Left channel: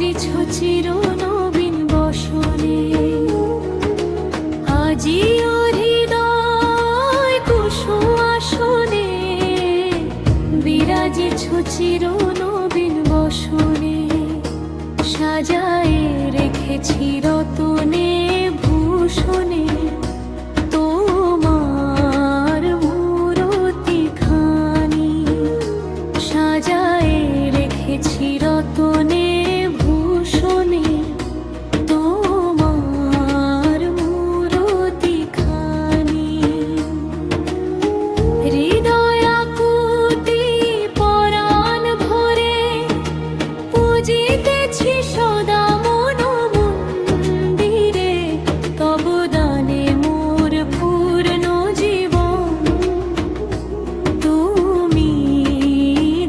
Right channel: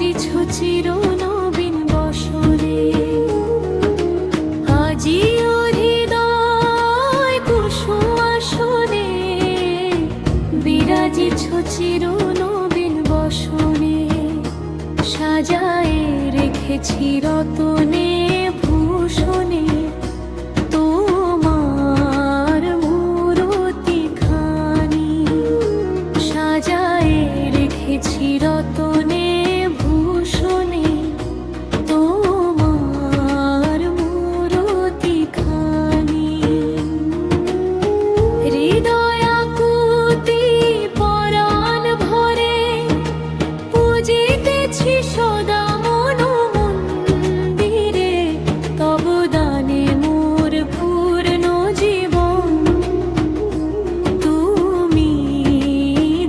বিরাজিছ চির নবীন বসনে। আজিও হৃদয় কুসুম আসনে, বিরাজিছ চির নবীন বসনে। সাজায়ে রেখেছি রতনে ভূষণে তোমার মূরতি খানি। সাজায়ে রেখেছি রতনে ভূষণে তোমার মূরতি খানি। হৃদয় আকুতি পরাণ ভরে পূজিতেছি সদা মন মন্দিরে। তব দানে মোর পূর্ণ জীবন তুমি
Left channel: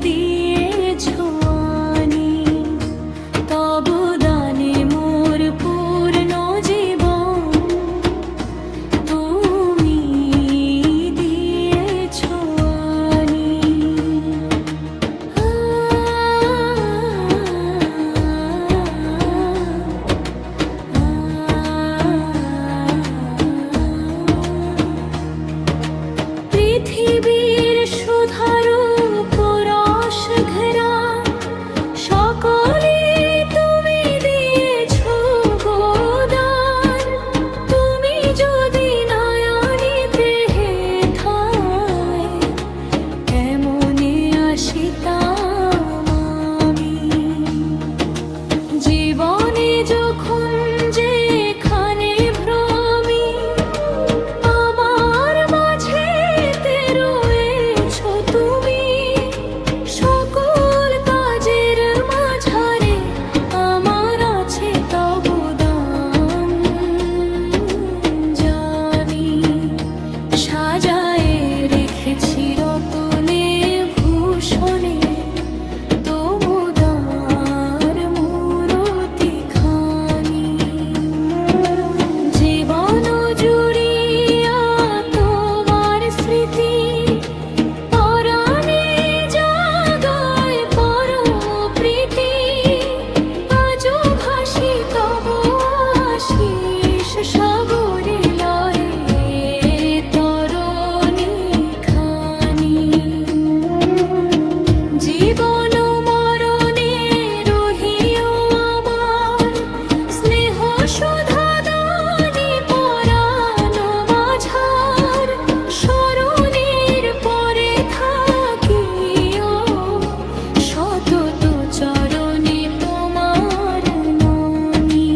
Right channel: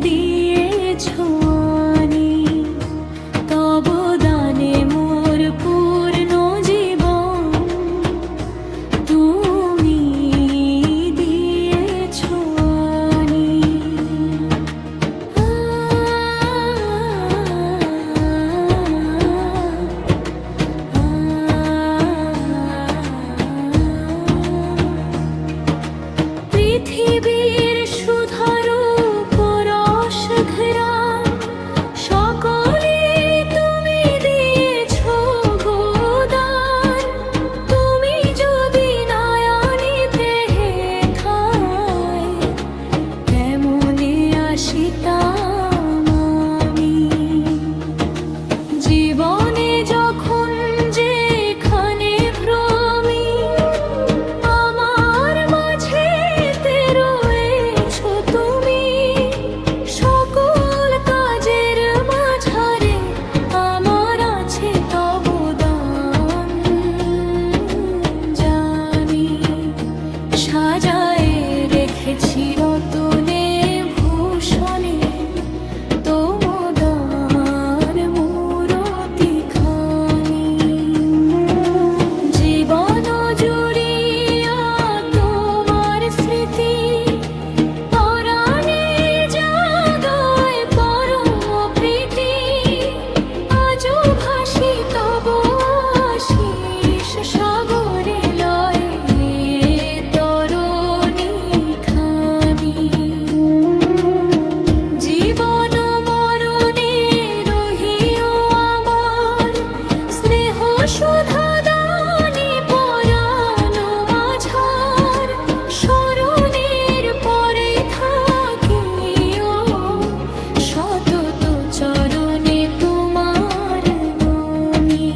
দিয়েছ আনি। তব দানে মোর পূর্ণ জীবন তুমি দিয়েছ আনি। পৃথিবীর সুধারূপ রস ঘেরান সকলে তুমি দিয়েছ গোদান। তুমি যদি নয়নিতে হেথায় কেমনে আসিতাম আমি। জীবনে যখন যেখানে ভ্রমি আমার মাঝে রয়েছ তুমি। সকল কাজের মাঝারে আমার আছে তব দান জানি। সাজায়ে রেখেছি রতনে ভূষণে তোমার মূরতি খানি। জীবন জুড়িয়া তোমার স্মৃতি পরাণে জাগায় পরম প্রীতি। আজও ভাসি তব আশিস সাগরে লয়ে তরণী খানি। জীবন মরণে রহিও আমার স্নেহ সুধা দানি পরাণ মাঝার। স্মরণের পরে থাকিও সতত চরণে তোমার নমি।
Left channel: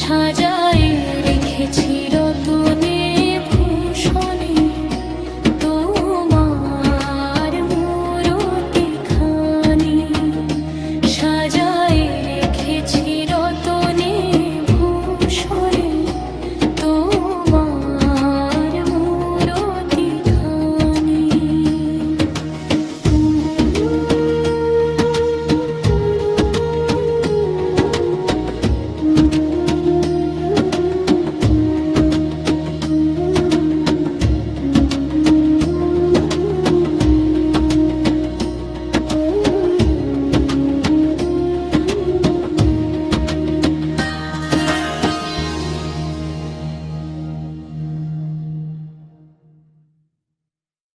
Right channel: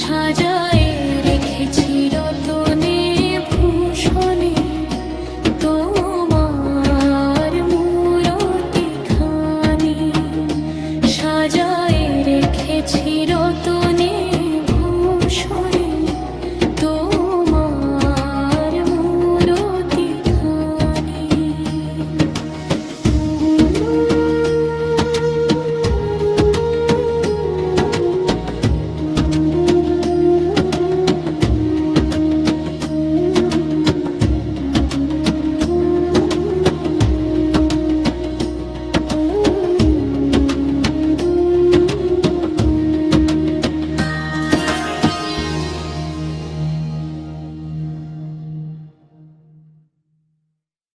সাজায়ে রেখেছি রতনে ভূষণে তোমার মূরতি খানি। সাজায়ে রেখেছি রতনে